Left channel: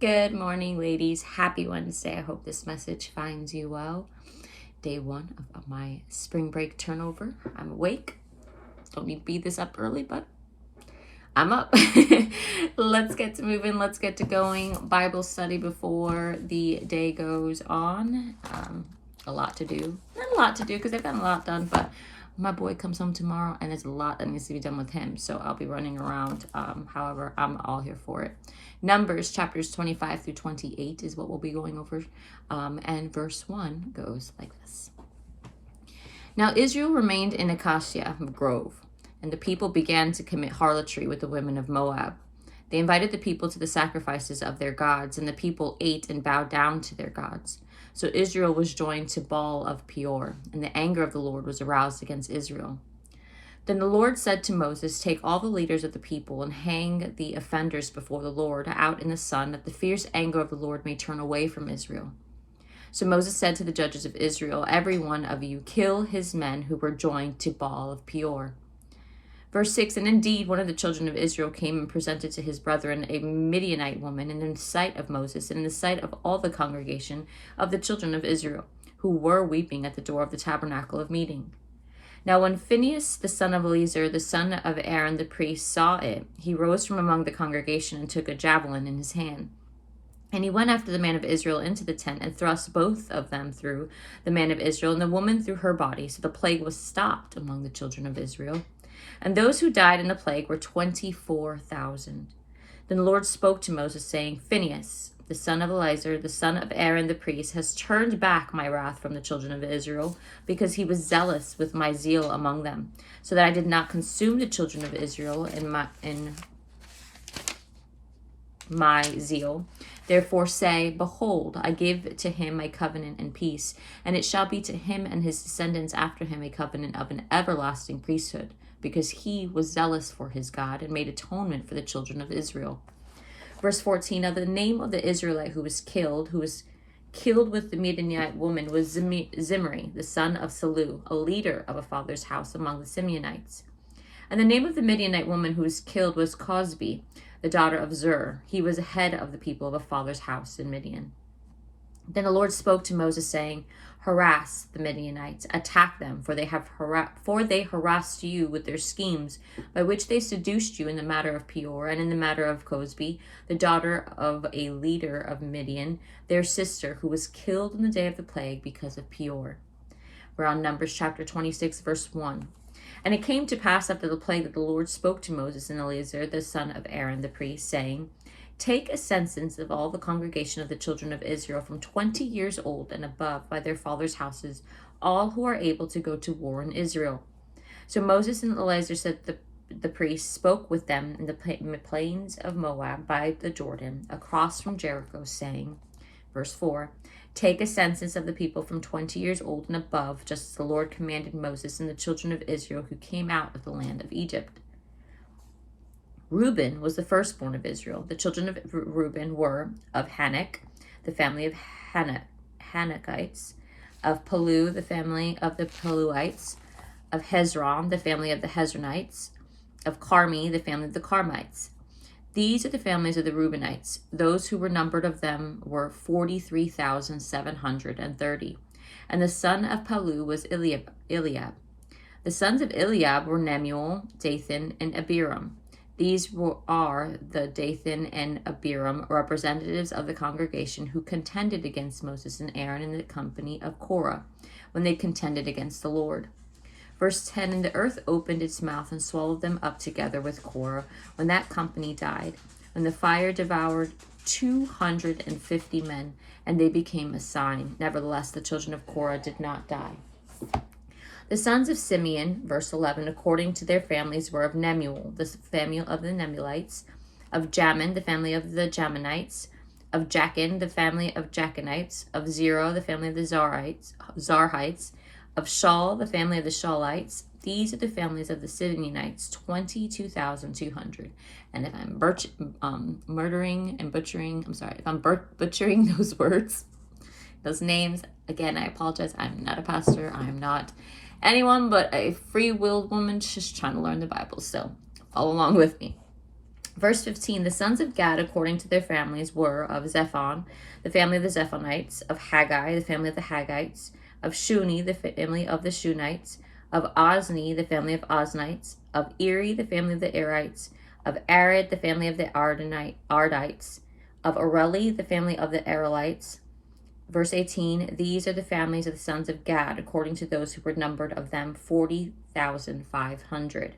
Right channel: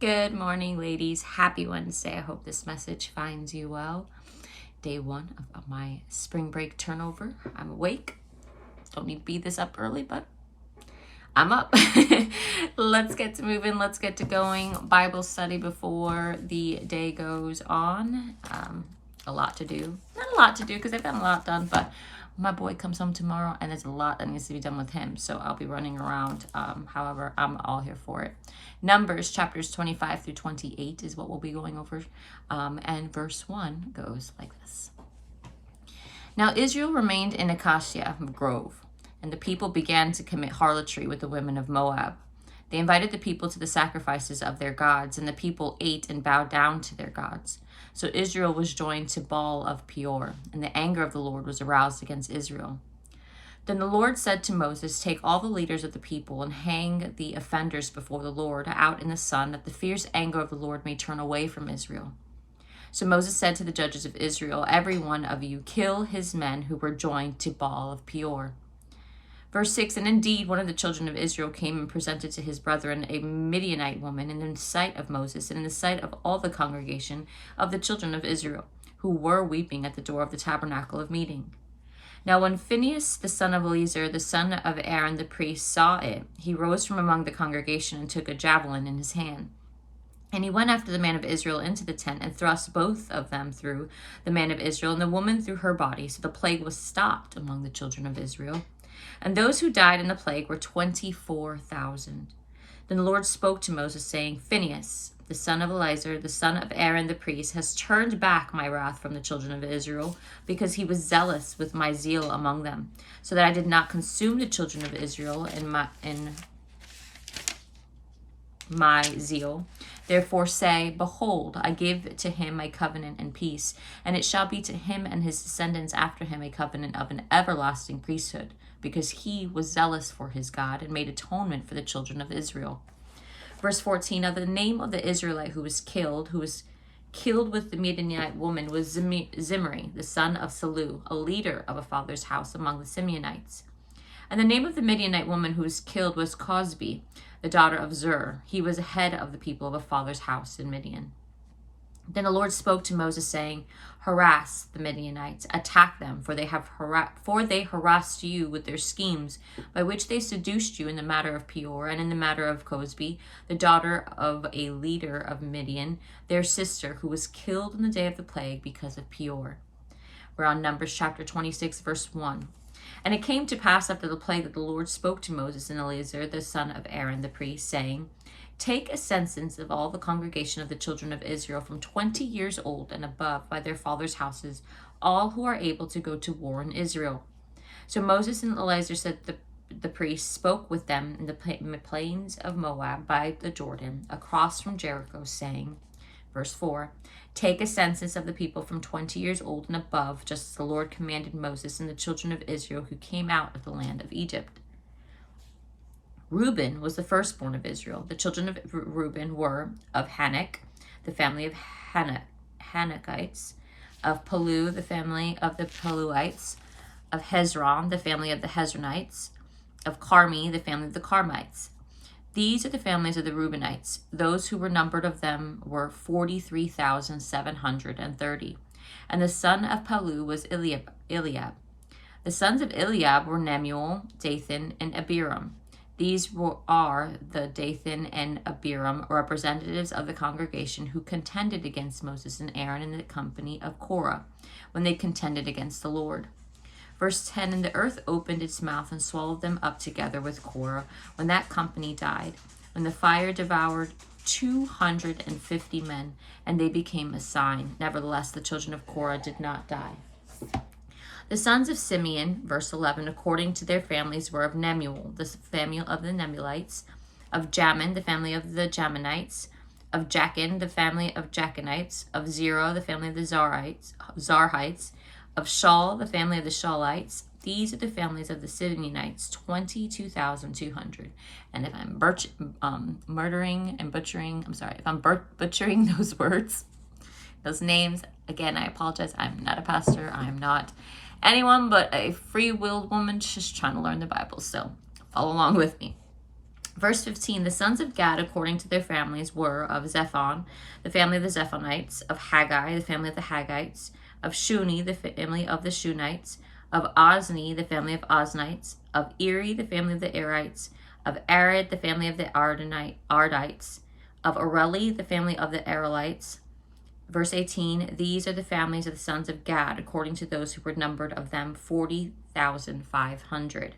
Good morning, ladies. Happy Wednesday. I hope this message finds you well. Day one of my spring break turnover. I'm awake. Don't need to be this up early, but I'm up. Let's get to moving. Let's get to going. Bible study before the day goes on. A lot to do. Not a lot to do because I've gotten a lot done, but my boy comes home tomorrow and there's a lot that needs to be done with him. So I'll be running around. However, I'm all here for it. Numbers chapters 25 through 28 is what we'll be going over. And verse 1 goes like this. Now Israel remained in Acacia Grove, and the people began to commit harlotry with the women of Moab. They invited the people to the sacrifices of their gods, and the people ate and bowed down to their gods. So Israel was joined to Baal of Peor, and the anger of the Lord was aroused against Israel. Then the Lord said to Moses, take all the leaders of the people and hang the offenders before the Lord out in the sun, that the fierce anger of the Lord may turn away from Israel. So Moses said to the judges of Israel, every one of you kill his men who were joined to Baal of Peor. Verse 6, and indeed one of the children of Israel came and presented to his brethren a Midianite woman in the sight of Moses and in the sight of all the congregation of the children of Israel, who were weeping at the door of the tabernacle of meeting. Now when Phinehas, the son of Eleazar, the son of Aaron the priest, saw it, he rose from among the congregation and took a javelin in his hand. And he went after the man of Israel into the tent and thrust both of them through the man of Israel and the woman through her body. So the plague was stopped among the children of Israel. And those who died in the plague were 24,000. Then the Lord spoke to Moses, saying, Phinehas, the son of Eleazar, the son of Aaron the priest, has turned back my wrath from the children of Israel, because he was zealous with my zeal among them, so that I did not consume the children of Israel in my zeal. Therefore say, behold, I give to him my covenant and peace, and it shall be to him and his descendants after him a covenant of an everlasting priesthood, because he was zealous for his God and made atonement for the children of Israel. Verse 14, now the name of the Israelite who was killed with the Midianite woman, was Zimri, the son of Salu, a leader of a father's house among the Simeonites. And the name of the Midianite woman who was killed was Cosbi, the daughter of Zur. He was head of the people of a father's house in Midian. Then the Lord spoke to Moses, saying, harass the Midianites, attack them, for they harassed you with their schemes, by which they seduced you in the matter of Peor, and in the matter of Cosbi, the daughter of a leader of Midian, their sister, who was killed in the day of the plague because of Peor. We're on Numbers chapter 26, verse 1. And it came to pass after the plague that the Lord spoke to Moses and Eleazar, the son of Aaron the priest, saying, take a census of all the congregation of the children of Israel from 20 years old and above by their fathers' houses, all who are able to go to war in Israel. So Moses and Eleazar said the priests spoke with them in the plains of Moab by the Jordan, across from Jericho, saying, verse 4, take a census of the people from 20 years old and above, just as the Lord commanded Moses and the children of Israel who came out of the land of Egypt. Reuben was the firstborn of Israel. The children of Reuben were of Hanok, the family of Hanokites, of Palu, the family of the Paluites, of Hezron, the family of the Hezronites, of Carmi, the family of the Carmites. These are the families of the Reubenites. Those who were numbered of them were 43,730. And the son of Palu was Eliab. The sons of Eliab were Nemuel, Dathan, and Abiram. These are the Dathan and Abiram, representatives of the congregation, who contended against Moses and Aaron in the company of Korah, when they contended against the Lord. Verse 10, and the earth opened its mouth and swallowed them up together with Korah, when that company died, when the fire devoured 250 men, and they became a sign. Nevertheless, the children of Korah did not die. The sons of Simeon, verse 11, according to their families, were of Nemuel, the family of the Nemulites, of Jamin, the family of the Jaminites, of Jachin, the family of Jachinites, of Zerah, the family of the Zarhites, of Shaul, the family of the Shaulites. These are the families of the Simeonites, 22,200. And if I'm butchering those words, those names, again, I apologize. I'm not a pastor. I'm not anyone but a free-willed woman just trying to learn the Bible. So follow along with me. Verse 15, the sons of Gad, according to their families, were of Zephon, the family of the Zephonites, of Haggai, the family of the Haggites, of Shuni, the family of the Shunites, of Ozni, the family of Oznites, of Eri, the family of the Erites, of Arid, the family of the Ardites, of Areli, the family of the Arelites. Verse 18, these are the families of the sons of Gad, according to those who were numbered of them, 40,500.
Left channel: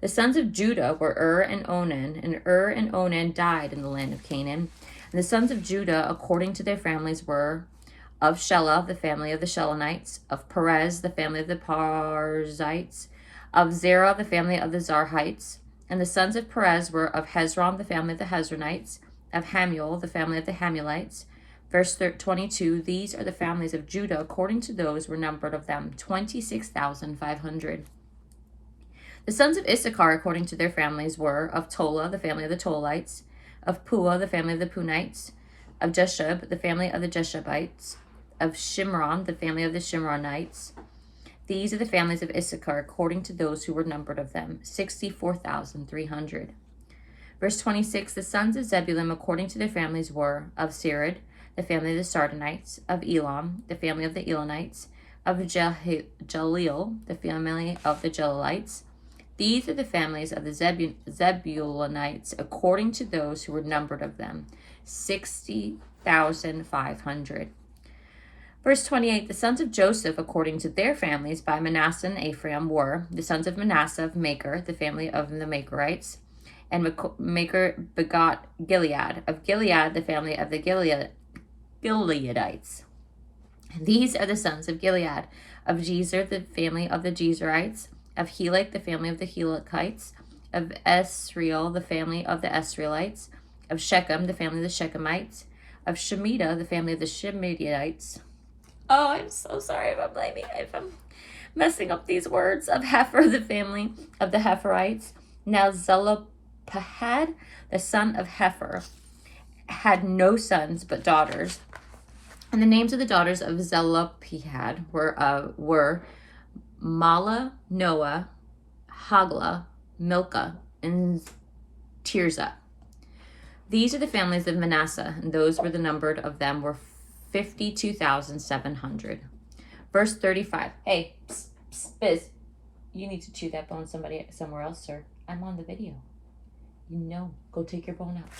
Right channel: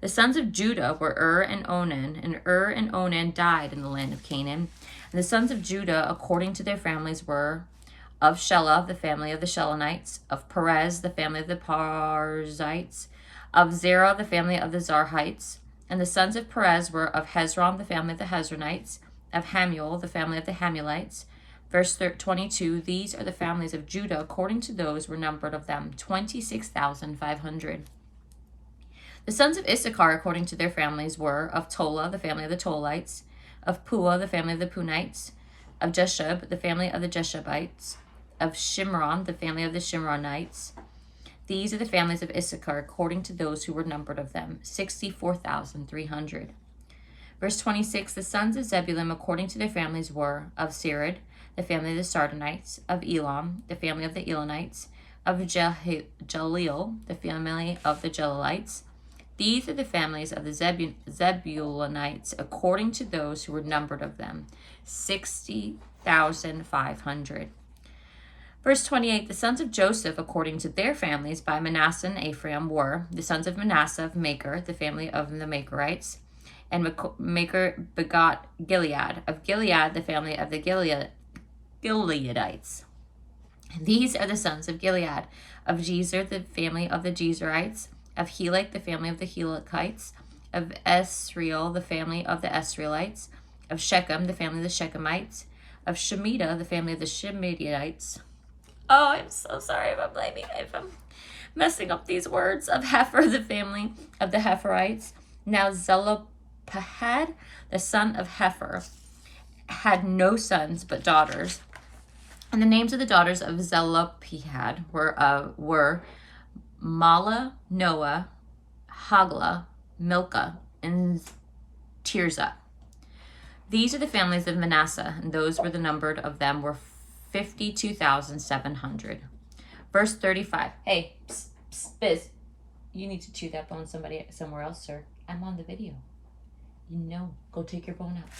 The sons of Judah were and Onan, and and Onan died in the land of Canaan. And the sons of Judah, according to their families, were of Shelah, the family of the Shelonites, of Perez, the family of the Parzites, of Zerah, the family of the Zarhites. And the sons of Perez were of Hezron, the family of the Hezronites, of Hamuel, the family of the Hamulites. Verse 22, these are the families of Judah, according to those were numbered of them, 26,500. The sons of Issachar, according to their families, were of Tola, the family of the Tolites, of Pua, the family of the Punites, of Jeshub, the family of the Jeshubites, of Shimron, the family of the Shimronites. These are the families of Issachar, according to those who were numbered of them, 64,300. Verse 26, the sons of Zebulun, according to their families, were of Sered, the family of the Sardonites, of Elam, the family of the Elonites, of Jaleel, the family of the Jalielites. These are the families of the Zebulunites, according to those who were numbered of them, 60,500. Verse 28, the sons of Joseph, according to their families, by Manasseh and Ephraim, were the sons of Manasseh of Maker, the family of the Makerites, and Maker begot Gilead. Of Gilead, the family of the Gileadites. These are the sons of Gilead, of Jezer, the family of the Jezerites, of Helek, the family of the Helekites, of Esriel, the family of the Esrielites, of Shechem, the family of the Shechemites, of Shemitah, the family of the Shemitites. Oh, I'm so sorry if I'm messing up these words. Of Hefer, the family of the Heferites. Now Zelophehad, the son of Hefer, had no sons but daughters. And the names of the daughters of Zelophehad were Mala, Noah, Hagla, Milcah, and Tirzah. These are the families of Manasseh, and those were the numbered of them were 52,700. Verse 35. Hey, psst, psst, Biz, you need to chew that bone somewhere else, sir. I'm on the video. You know, go take your bone out.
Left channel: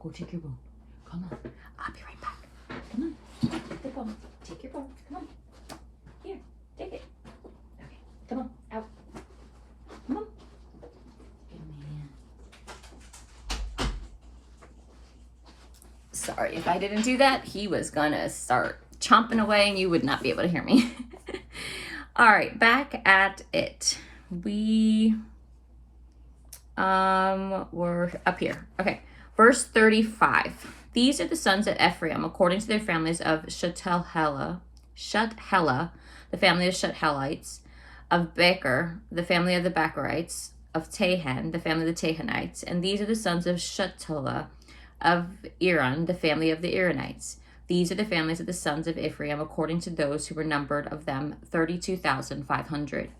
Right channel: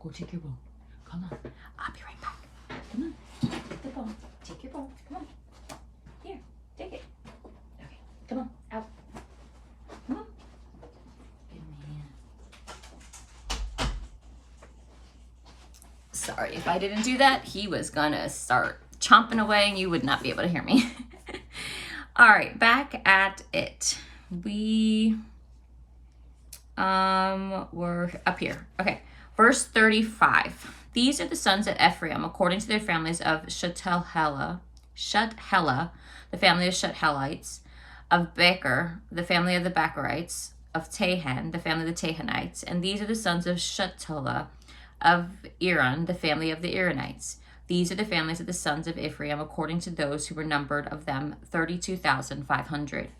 Go take your bone. Come on, I'll be right back. Come on, take the bone. Take your bone. Come on. Here, take it. Okay, come on, out. Come on. Good man. Sorry, if I didn't do that, he was gonna start chomping away and you would not be able to hear me. All right, back at it. We we're up here. Okay, verse 35. These are the sons of Ephraim, according to their families of Shuthelah, the family of Shuthelites, of Becher, the family of the Becherites, of Tahan, the family of the Tahanites, and these are the sons of Shuthelah, of Iran, the family of the Iranites. These are the families of the sons of Ephraim, according to those who were numbered of them, 32,500.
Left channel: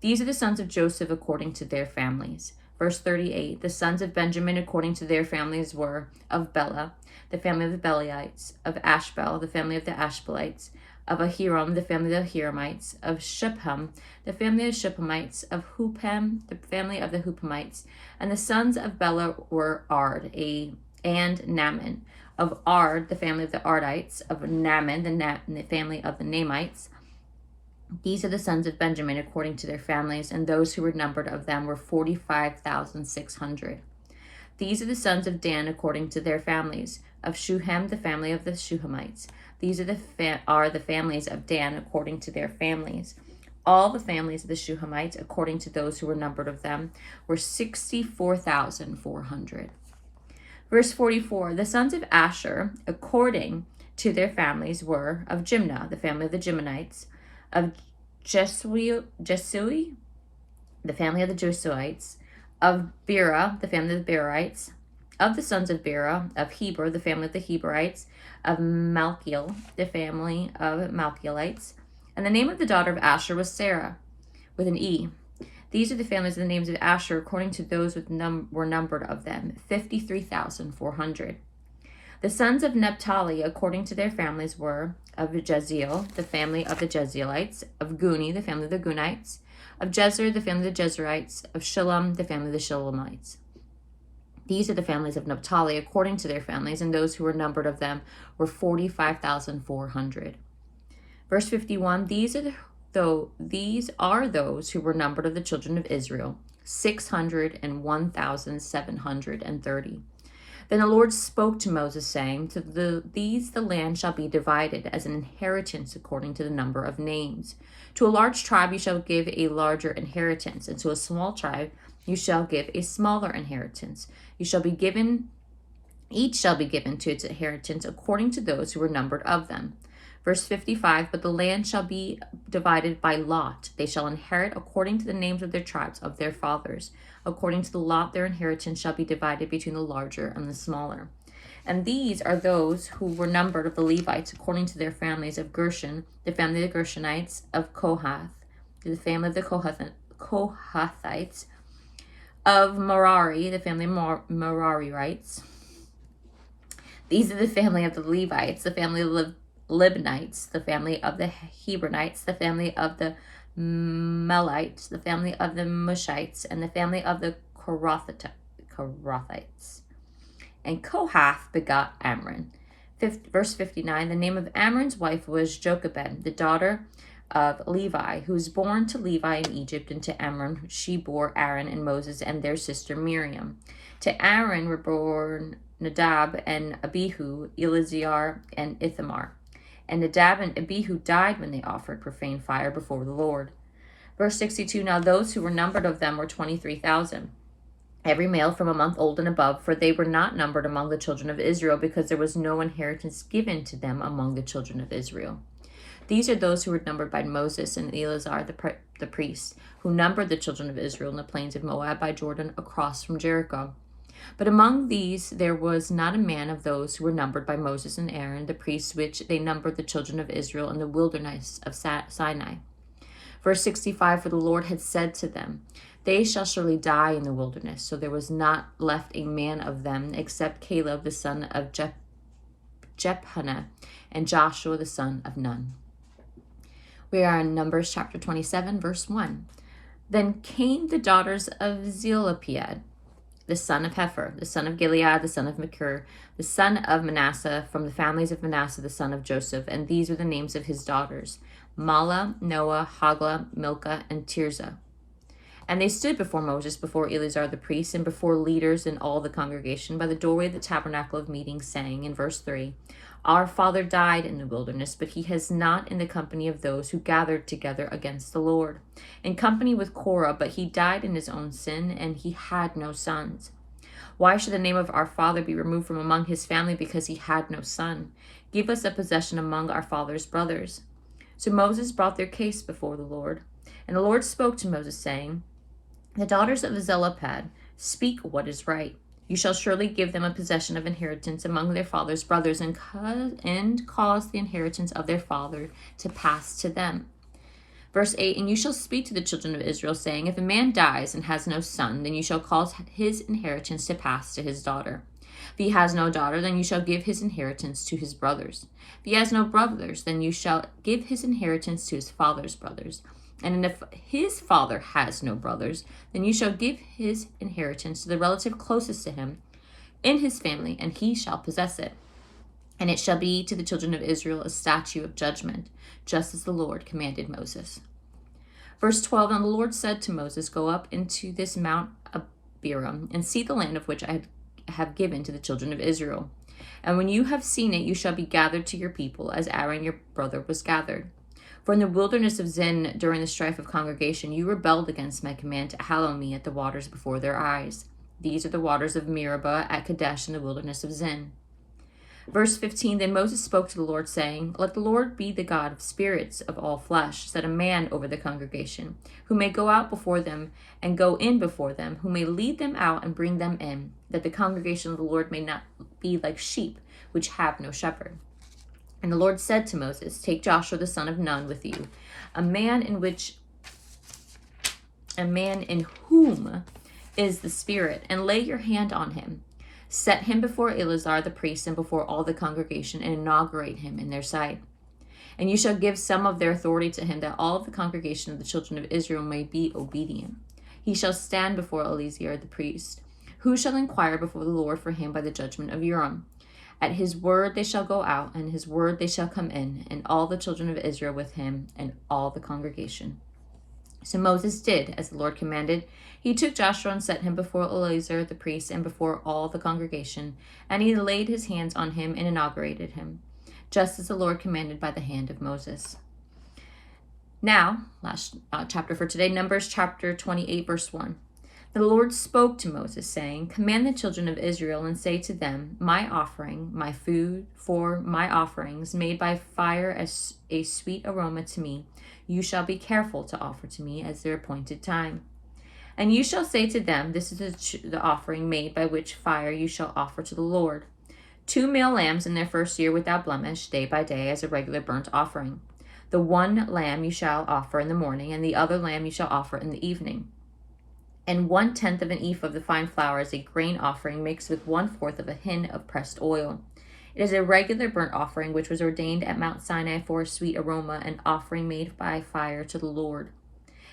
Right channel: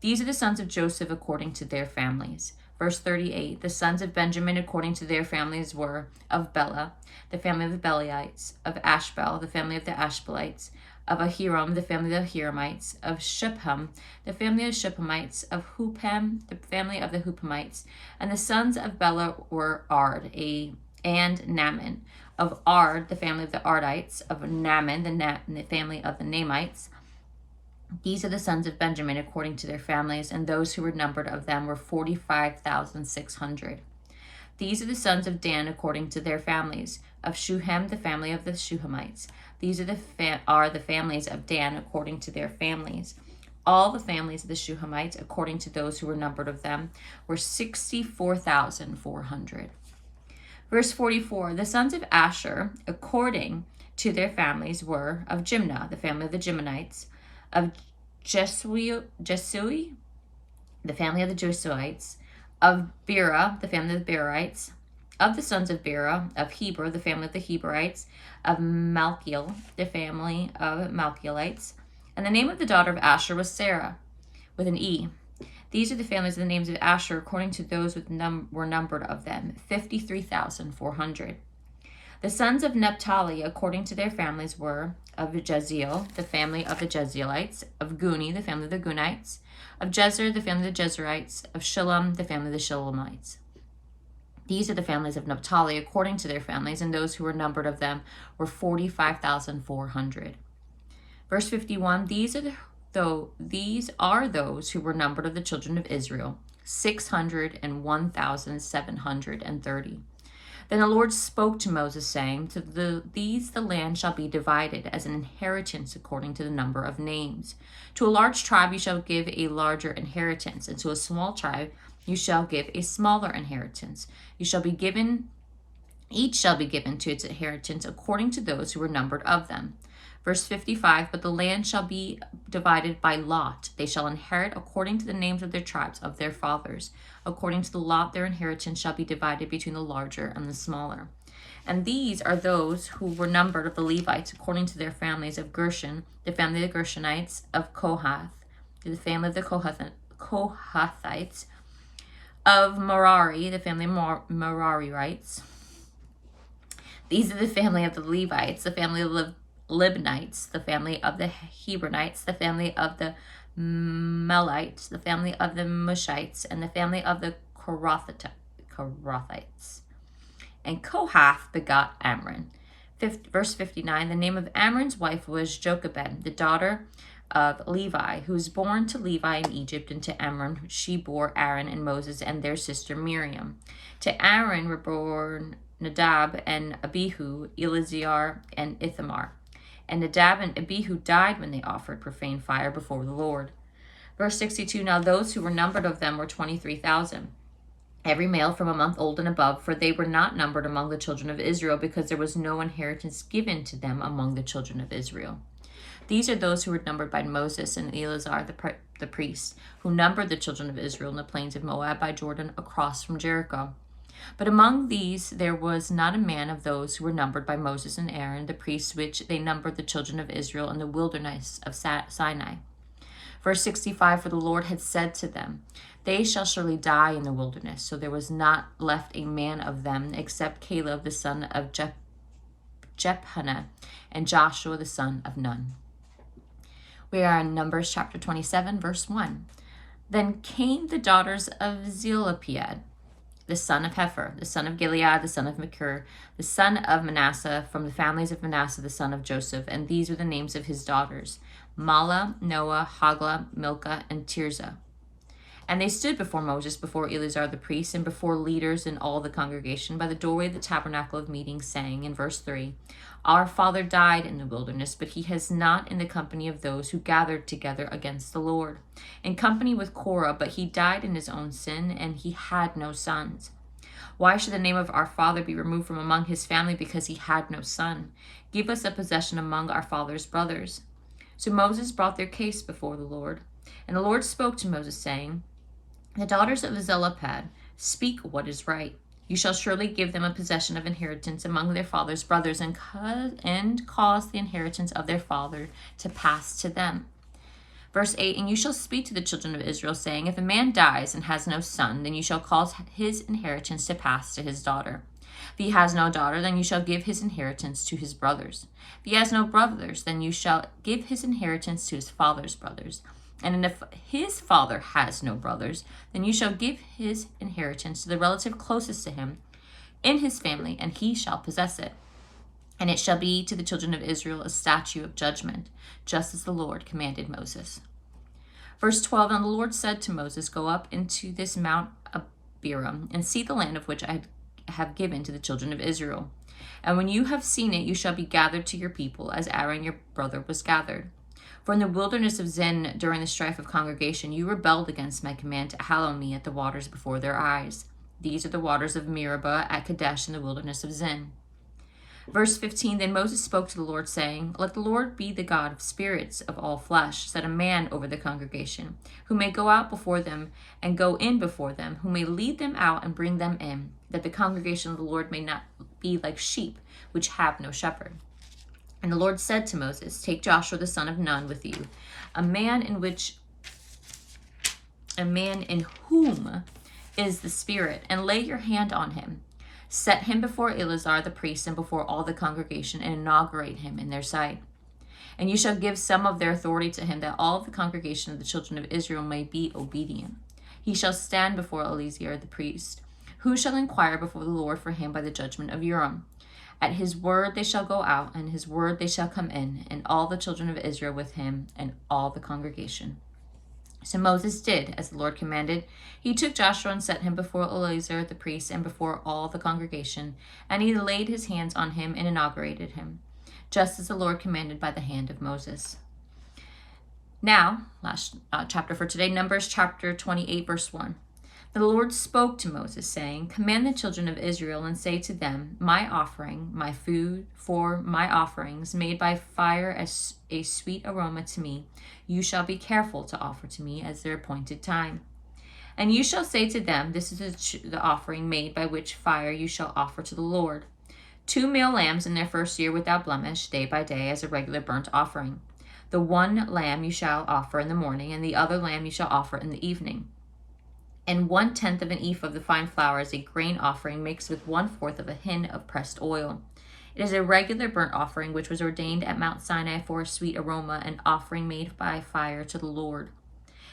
These are the sons of Joseph, according to their families. Verse 38, the sons of Benjamin, according to their families, were of Bela, the family of the Belites, of Ashbel, the family of the Ashbelites, of Ahiram, the family of the Hiramites, of Shephem, the family of Shephemites, of Hupam, the family of the Hupamites. And the sons of Bela were Ard, and Naaman. Of Ard, the family of the Ardites, of Naaman, the family of the Namites. These are the sons of Benjamin according to their families, and those who were numbered of them were 45,600. These are the sons of Dan according to their families, of Shuhem, the family of the Shuhamites. These are the families of Dan according to their families. All the families of the Shuhamites, according to those who were numbered of them, were 64,400. Verse 44, the sons of Asher, according to their families, were of Jimnah, the family of the Jimnites, of Jesui, the family of the Jesuites, of Bera, the family of the Berites, of the sons of Bera, of Heber, the family of the Heberites, of Malchiel, the family of Malchielites. And the name of the daughter of Asher was Sarah, with an E. These are the families of the names of Asher, according to those were numbered of them, 53,400. The sons of Naphtali, according to their families, were of Jeziel, the family of the Jezreelites, of Guni, the family of the Gunites, of Jezer, the family of the Jezerites, of Shillem, the family of the Shillemites. These are the families of Naphtali, according to their families, and those who were numbered of them were 45,400. Verse 51, these are those who were numbered of the children of Israel, 601,730. Then the Lord spoke to Moses, saying, to these the land shall be divided as an inheritance according to the number of names. To a large tribe you shall give a larger inheritance, and to a small tribe you shall give a smaller inheritance. Each shall be given to its inheritance according to those who were numbered of them. Verse 55, but the land shall be divided by lot. They shall inherit according to the names of their tribes of their fathers. According to the lot, their inheritance shall be divided between the larger and the smaller. And these are those who were numbered of the Levites according to their families: of Gershon, the family of the Gershonites; of Kohath, the family of the Kohathites; of Merari, the family of Merarites. These are the family of the Levites: the family of the Libnites, the family of the Hebronites, the family of the Melites, the family of the Mushites, and the family of the Korathites. And Kohath begot Amram. Verse 59, the name of Amram's wife was Jochebed, the daughter of Levi, who was born to Levi in Egypt, and to Amram she bore Aaron and Moses and their sister Miriam. To Aaron were born Nadab and Abihu, Eleazar and Ithamar. And Nadab and Abihu died when they offered profane fire before the Lord. Verse 62, now those who were numbered of them were 23,000, every male from a month old and above, for they were not numbered among the children of Israel, because there was no inheritance given to them among the children of Israel. These are those who were numbered by Moses and Eleazar the priest, who numbered the children of Israel in the plains of Moab by Jordan across from Jericho. But among these there was not a man of those who were numbered by Moses and Aaron the priests, which they numbered the children of Israel in the wilderness of Sinai. Verse 65, for the Lord had said to them, they shall surely die in the wilderness. So there was not left a man of them except Caleb the son of Jephunneh and Joshua the son of Nun. We are in Numbers chapter 27, verse 1. Then came the daughters of Zelophehad, the son of Hepher, the son of Gilead, the son of Machir, the son of Manasseh, from the families of Manasseh, the son of Joseph. And these were the names of his daughters: Mahlah, Noah, Hoglah, Milcah, and Tirzah. And they stood before Moses, before Eleazar the priest, and before leaders and all the congregation by the doorway of the tabernacle of meeting, saying, in verse 3, our father died in the wilderness, but he has not in the company of those who gathered together against the Lord, in company with Korah, but he died in his own sin, and he had no sons. Why should the name of our father be removed from among his family, because he had no son? Give us a possession among our father's brothers. So Moses brought their case before the Lord. And the Lord spoke to Moses, saying, the daughters of Zelophehad speak what is right. You shall surely give them a possession of inheritance among their father's brothers, and cause the inheritance of their father to pass to them. Verse 8, and you shall speak to the children of Israel, saying, if a man dies and has no son, then you shall cause his inheritance to pass to his daughter. If he has no daughter, then you shall give his inheritance to his brothers. If he has no brothers, then you shall give his inheritance to his father's brothers. And if his father has no brothers, then you shall give his inheritance to the relative closest to him in his family, and he shall possess it. And it shall be to the children of Israel a statute of judgment, just as the Lord commanded Moses. Verse 12, and the Lord said to Moses, go up into this Mount Abiram, and see the land of which I have given to the children of Israel. And when you have seen it, you shall be gathered to your people, as Aaron your brother was gathered. For in the wilderness of Zin, during the strife of congregation, you rebelled against my command to hallow me at the waters before their eyes. These are the waters of Meribah at Kadesh in the wilderness of Zin. Verse 15, then Moses spoke to the Lord, saying, let the Lord be the God of spirits of all flesh, set a man over the congregation, who may go out before them and go in before them, who may lead them out and bring them in, that the congregation of the Lord may not be like sheep, which have no shepherd. And the Lord said to Moses, take Joshua the son of Nun with you, a man in a man in whom is the Spirit, and lay your hand on him. Set him before Eleazar the priest and before all the congregation, and inaugurate him in their sight. And you shall give some of their authority to him, that all of the congregation of the children of Israel may be obedient. He shall stand before Eleazar the priest, who shall inquire before the Lord for him by the judgment of Urim. At his word they shall go out, and his word they shall come in, and all the children of Israel with him, and all the congregation. So Moses did as the Lord commanded. He took Joshua and set him before Eleazar the priest and before all the congregation, and he laid his hands on him and inaugurated him, just as the Lord commanded by the hand of Moses. Now, last chapter for today, Numbers chapter 28, verse 1. The Lord spoke to Moses, saying, Command the children of Israel and say to them, My offering, my food for my offerings, made by fire as a sweet aroma to me, you shall be careful to offer to me as their appointed time. And you shall say to them, This is the offering made by which fire you shall offer to the Lord. 2 male lambs in their first year without blemish, day by day, as a regular burnt offering. The one lamb you shall offer in the morning, and the other lamb you shall offer in the evening. And 1/10 of an ephah of the fine flour as a grain offering mixed with 1/4 of a hin of pressed oil. It is a regular burnt offering which was ordained at Mount Sinai for a sweet aroma, an offering made by fire to the Lord.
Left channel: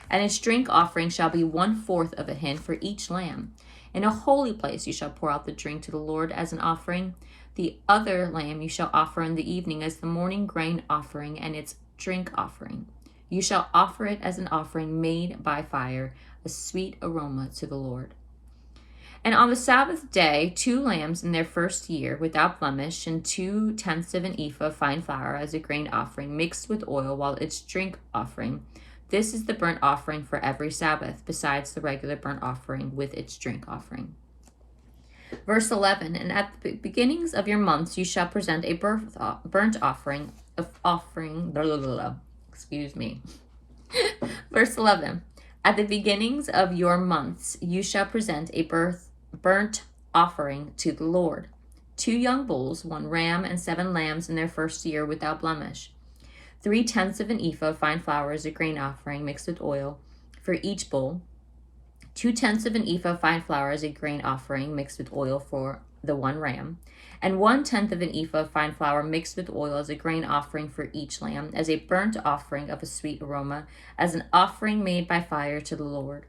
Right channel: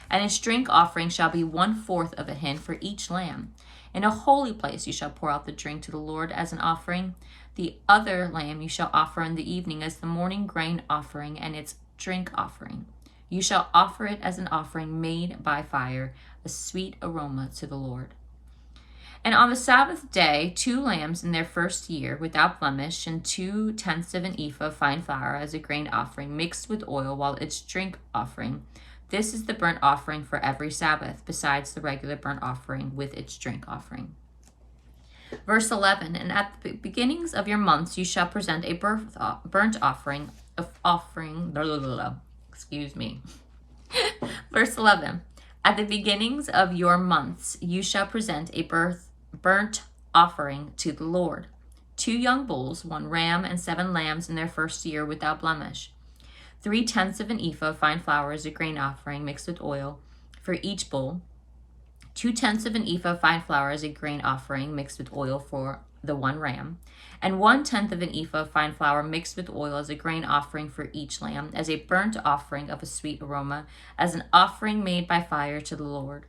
And its drink offering shall be 1/4 of a hin for each lamb. In a holy place you shall pour out the drink to the Lord as an offering. The other lamb you shall offer in the evening as the morning grain offering and its drink offering. You shall offer it as an offering made by fire, a sweet aroma to the Lord. And on the Sabbath day, 2 lambs in their first year without blemish, and 2/10 of an ephah of fine flour as a grain offering mixed with oil, while its drink offering. This is the burnt offering for every Sabbath, besides the regular burnt offering with its drink offering. Verse 11, And at the beginnings of your months you shall present a burnt offering excuse me. Verse 11, At the beginnings of your months you shall present a burnt offering to the Lord. 2 young bulls, 1 ram, and 7 lambs in their first year without blemish. 3/10 of an ephah of fine flour as a grain offering mixed with oil for each bull. 2/10 of an ephah of fine flour as a grain offering mixed with oil for the 1 ram. And 1/10 of an ephah of fine flour mixed with oil as a grain offering for each lamb, as a burnt offering of a sweet aroma, as an offering made by fire to the Lord.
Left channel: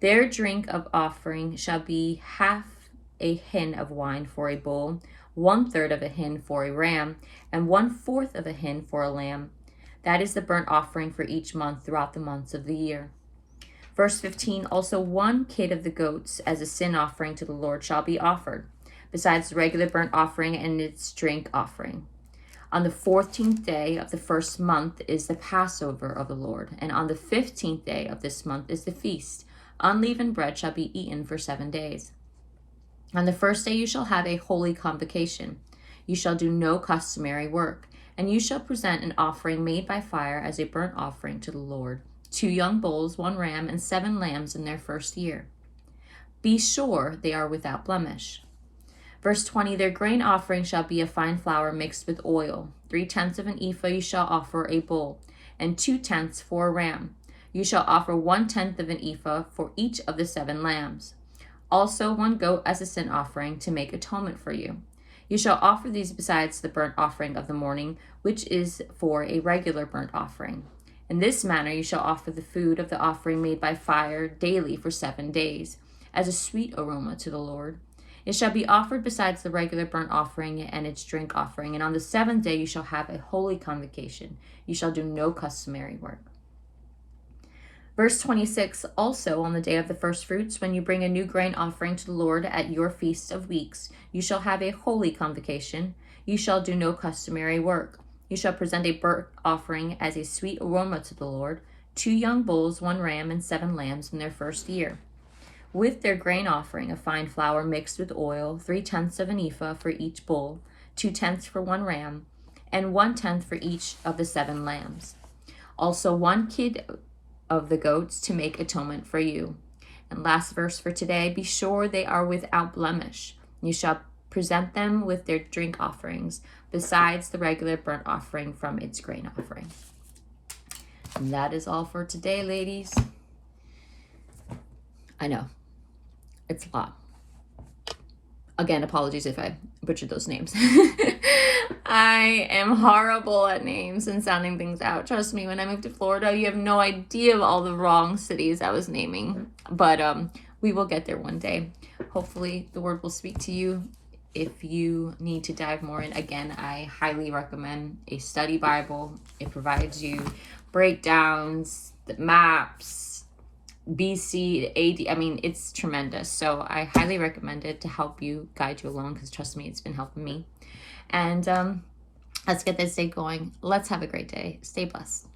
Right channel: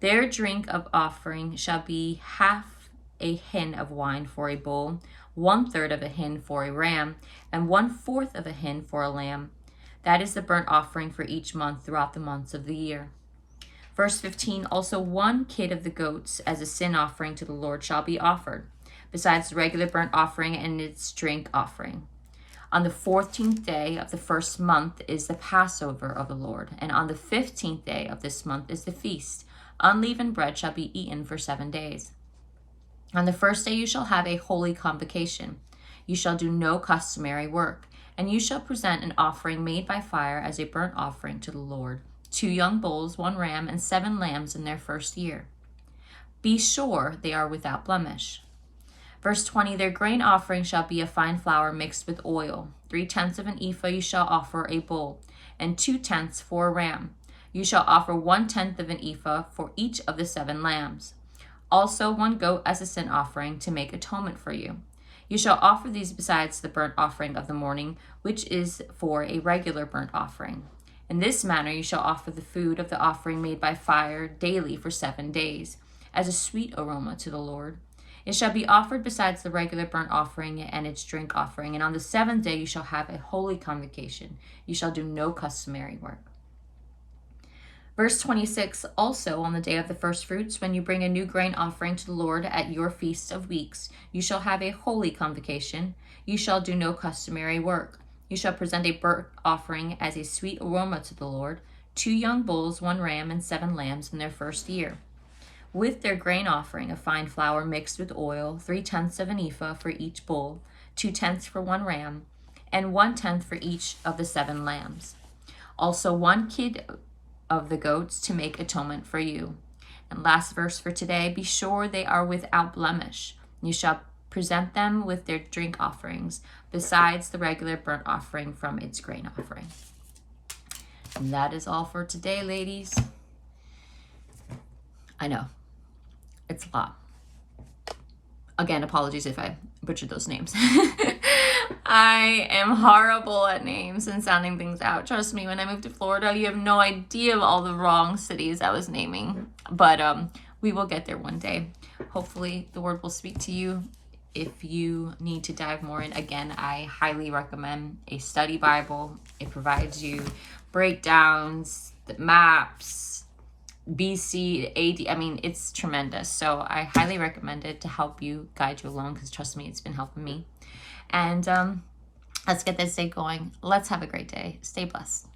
Their drink of offering shall be 1/2 a hin of wine for a bull, 1/3 of a hin for a ram, and 1/4 of a hin for a lamb. That is the burnt offering for each month throughout the months of the year. Verse 15, Also 1 kid of the goats as a sin offering to the Lord shall be offered, besides the regular burnt offering and its drink offering. On the 14th day of the first month is the Passover of the Lord, and on the 15th day of this month is the feast. Unleavened bread shall be eaten for 7 days. On the first day you shall have a holy convocation. You shall do no customary work, and you shall present an offering made by fire as a burnt offering to the Lord. 2 young bulls, 1 ram, and 7 lambs in their first year. Be sure they are without blemish. Verse 20, Their grain offering shall be a fine flour mixed with oil. 3/10 of an ephah you shall offer a bull, and 2/10 for a ram. You shall offer 1/10 of an ephah for each of the 7 lambs. Also 1 goat as a sin offering to make atonement for you. You shall offer these besides the burnt offering of the morning, which is for a regular burnt offering. In this manner you shall offer the food of the offering made by fire daily for 7 days, as a sweet aroma to the Lord. It shall be offered besides the regular burnt offering and its drink offering, and on the 7th day you shall have a holy convocation. You shall do no customary work. Verse 26, Also on the day of the first fruits, when you bring a new grain offering to the Lord at your feast of weeks, you shall have a holy convocation. You shall do no customary work. You shall present a burnt offering as a sweet aroma to the Lord, 2 young bulls, 1 ram, and 7 lambs in their first year. With their grain offering of fine flour mixed with oil, 3/10 of an ephah for each bull, 2/10 for 1 ram, and 1/10 for each of the 7 lambs. Also 1 kid of the goats to make atonement for you. And last verse for today, Be sure they are without blemish. You shall present them with their drink offerings, besides the regular burnt offering from its grain offering. And that is all for today, ladies. I know. It's a lot. Again, apologies if I butchered those names. I am horrible at names and sounding things out. Trust me, when I moved to Florida, you have no idea of all the wrong cities I was naming. But we will get there one day. Hopefully, the word will speak to you. If you need to dive more in, again, I highly recommend a study Bible. It provides you breakdowns, the maps, BC, AD. I mean, it's tremendous. So I highly recommend it to help you, guide you along, because trust me, it's been helping me. And let's get this day going. Let's have a great day. Stay blessed.